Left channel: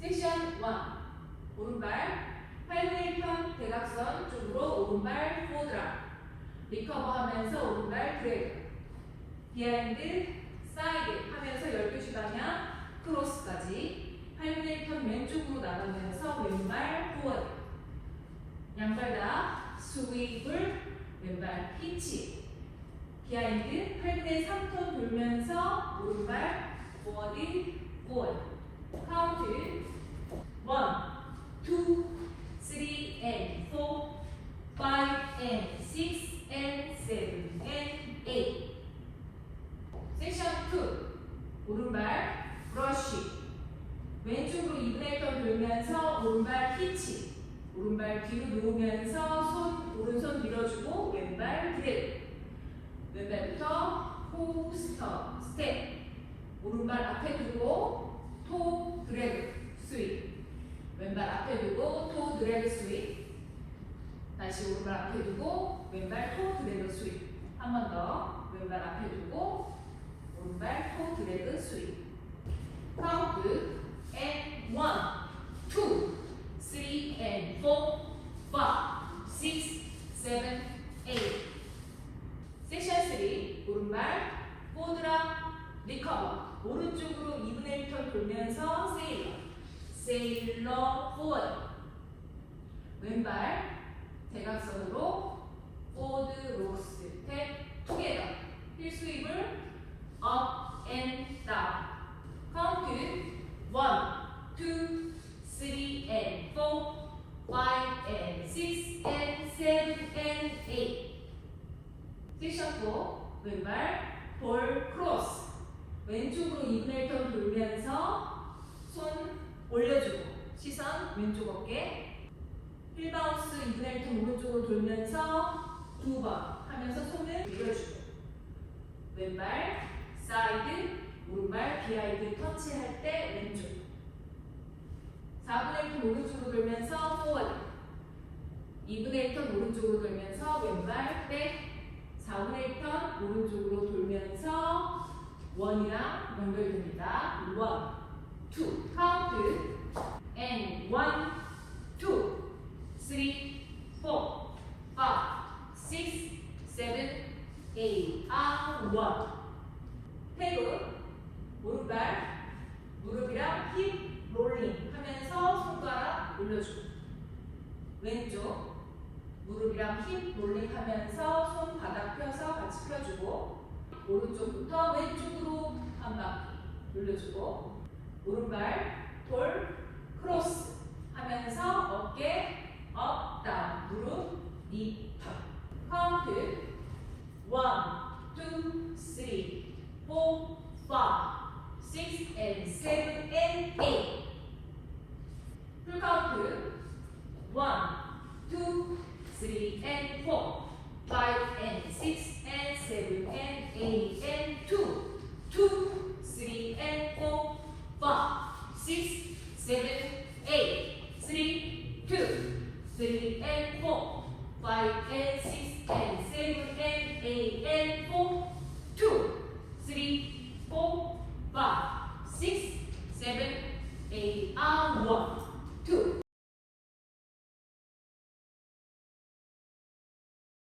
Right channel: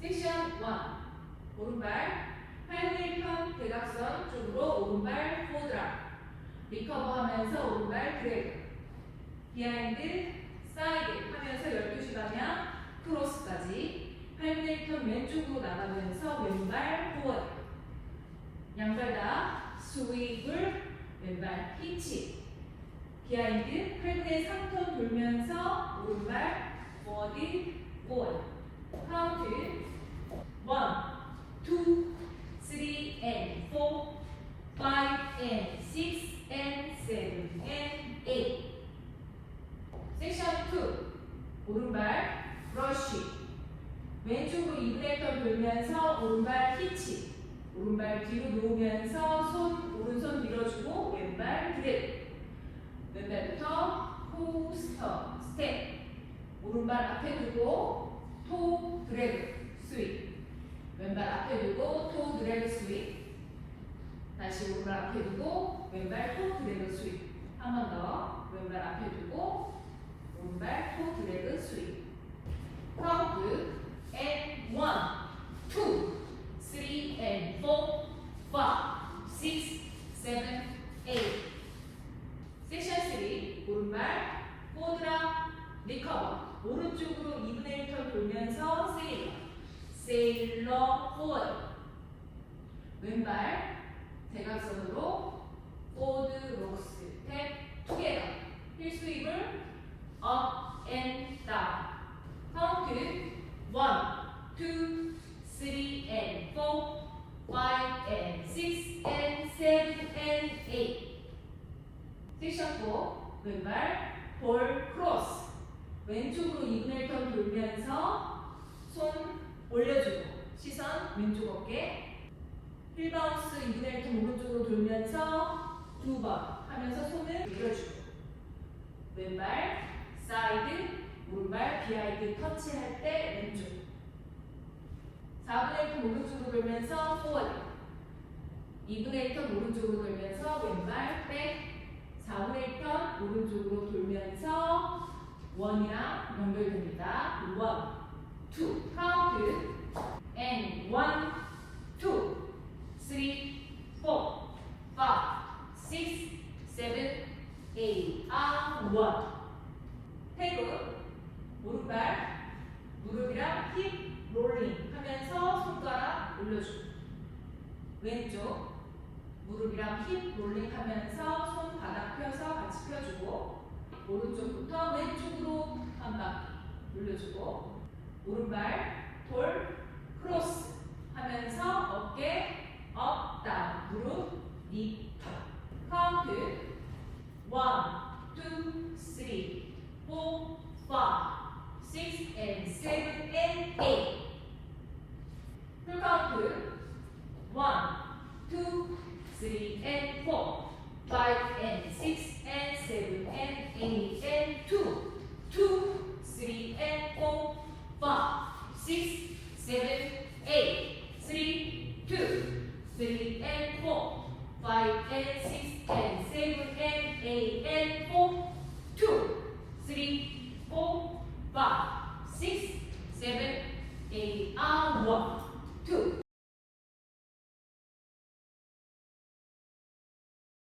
섹션 1. 오른발 8분의 1편 대각선 쪽으로 오른발 포드라. 리커버 하면서 오른발 드래그. 비하인드 사이드 하면서 12시 방향 크로스까지 8분의 1편 왼쪽으로 나가면서 왼발 포워드. 양발 다 스윕을 왼발 히치. 비하인드 8분의 3톤 돌면서 오른발 포워드 포워드. 카운트 1, 2, 3 and 4, 5 and 6 and 7 and 8. 섹션 2. 오른발 브러쉬. 왼쪽으로 2분의 1턴 돌면서 오른발 히치. 오른발 뒤로 놓으면서 오른손 밀어주고 왼발 드래그. 왼발부터 포스터 스텝. 오른발 앞에 두고 토 드래그 스윗. 왼발 앞에 두고 토 드래그 스윗. 다시 오른발 앞에 두고 왼발 토 드래그 스윗. 한 번 더. 왼발 앞에 두고 오른발 토 드래그 스윗. 카운트 and 1, 2, 3 and 4, 5, 6, 7, 8. 섹션 3. 오른발 포드라 리커버. 오른쪽으로 2분의 1턴 돌면서 세일러. 세일러 포워드. 왼발 대각선으로 포드 록스 탭 투게더. 힐 스윕을 업 앤 다운. 카운트 1, 2, 3 and 4, 5 and 6 and 7 and 8. 섹션 4. 왼발 볼 크로스. 왼쪽으로 2분의 1턴 돌면서 손 올려주고 시선 왼쪽 어깨. 힐 바운스 2분의 1턴 오른쪽으로 돌면서 2번 하면서 손을 밀어주고 왼발 사이드 오른발 비하인드 터치할 때 왼쪽. 4분의 1턴 오른쪽으로 돌면서 포워드. 2분의 1턴 오른쪽으로 돌면서 왼발 백. 4분의 1턴 오른쪽으로 돌면서 원이랑 연결됩니다. 1, 2 카운트 and 1, 2, 3, 4, 5, 6, 7, 8, 1. 태그 오른발 무릎이랑 힙 롤링 하면서 손가락 올려주고 왼쪽 무릎이랑 힙 롤링 하면서 손 바닥 펴서 같이 펴주고 오른쪽부터 왼쪽으로 한 바퀴 돌려주고 오른발 돌 크로스 하면서 어깨 업 다운 무릎 니 턱. 카운트 1, 2, 3, 4, 5, 6 and 7 and 8. 풀 카운트 1, 2, 3 and 4, 5 and 6 and 7 and 8 and 2, 2, 3 and 4, 5, 6, 7, 8, 3, 2, 3 and 4, 5 and 6 and 7 and 8 and 4.